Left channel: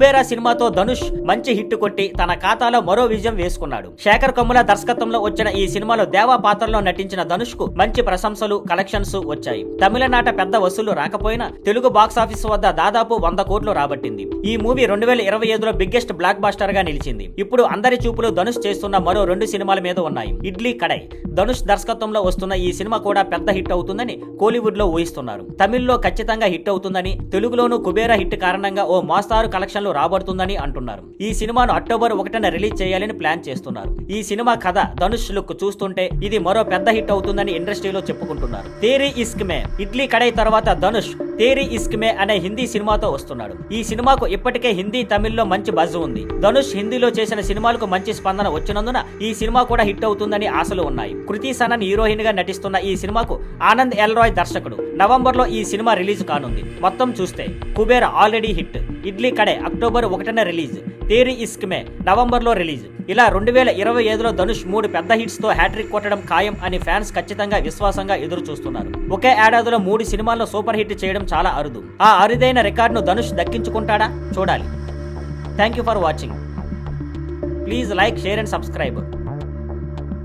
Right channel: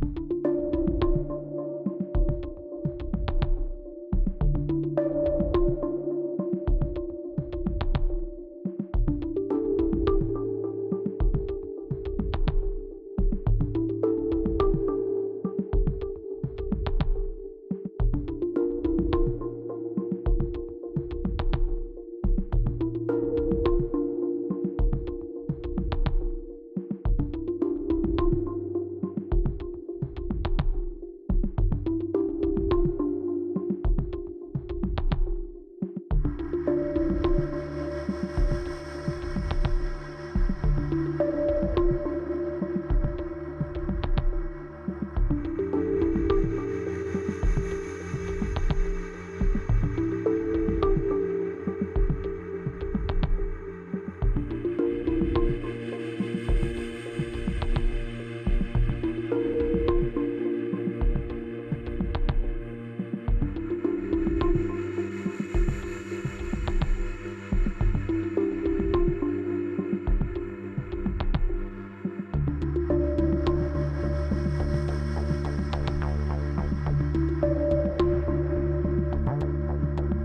కుబేరా సినిమాతో ధనుష్ మంచి హిట్ కొట్టి తన ఖాతాలో మరో విజయం వేసుకున్నాడు. శేఖర్ కమ్ముల దర్శకత్వంలో వచ్చిన ఈ సినిమాలో దేవా పాత్రలో నటించిన ధనుష్ కు మంచి ప్రశంసలు, కలెక్షన్స్ వచ్చాయి. తమిళనాట పెద్ద వసూళ్లు రాకపోయినా తెలుగు బాక్సాఫీస్ వద్ద దాదాపు 100 కోట్లు రాబట్టింది. ఈ మూవీ 2025లో బిగ్గెస్ట్ బ్లాక్ బాస్టర్ గా నిలిచింది. ఇప్పుడు అందరి చూపులు ధనుష్ చేస్తున్న మరో 2 సినిమాల మీద ఉన్నాయి. ఇడ్లీ కడై. ధనుష్ దర్శకత్వంలో వస్తున్న ఈ సినిమా కూడా పెద్ద హిట్ అవుతుందని కోలీవుడ్ లో ఊహిస్తున్నారు. తమిళ్లో ఖచ్చితంగా హిట్ అవుతుందని, తెలుగులోనూ కుబేరా హిట్ కారణంగా ఓ మోస్తారు కలెక్షన్లు రాబడుతుందని అంటున్నారు. ఈ సినిమాను అక్టోబర్ 1న రిలీజ్ చేయాలని ప్లాన్ చేస్తున్నారు. ఈ సినిమా కథ, ధనుష్ లుక్ చూస్తుంటే ఇది మరో పెద్ద హిట్ అవుతుందని ఇండస్ట్రీలో చెప్పుకుంటున్నారు. తేరీ ఇస్క్ మే. ఇడ్లీ కడై తర్వాత ధనుష్ తేరీ ఇస్క్ మే అనే హిందీ సినిమాతో వస్తున్నాడు. ఈ సినిమాకు ఇప్పటికే హిందీ, తమిళ్లో మంచి బజ్ ఉంది. ధనుష్ హిందీలో చేసిన సినిమాలకు మంచి స్పందన వచ్చినందున ఈ సినిమా కూడా హిట్ అవుతుందని ఆశలు ఉన్నాయి. కృతి సనన్ హీరోయిన్ గా నటిస్తున్న ఈ సినిమాకు ఆనంద్ ఎల్ రాయ్ దర్శకుడు. నవంబర్లో ఈ సినిమా రిలీజ్ కానుంది. మొత్తం చూస్తే Kubera already hit, Idli Kadai October 1న రిలీజ్, తేరీ ఇస్క్ మే నవంబర్లో రిలీజ్. ఇలా 2025లో ధనుష్ 3 పెద్ద హిట్స్ తో హ్యాట్రిక్ కొట్టడం ఖాయం అని ఫ్యాన్స్ ఖచ్చితంగా విశ్వాసంగా ఎదురు చూస్తున్నారు. ఒకే ఏడాదిలో 3 సినిమాల్లో సూపర్ హిట్ చేయడం చాలా అరుదు. ఆ అరుదైన రికార్డును ధనుష్ దక్కించుకుంటాడా చూడాలి. Thank you for watching. Please like, share and subscribe.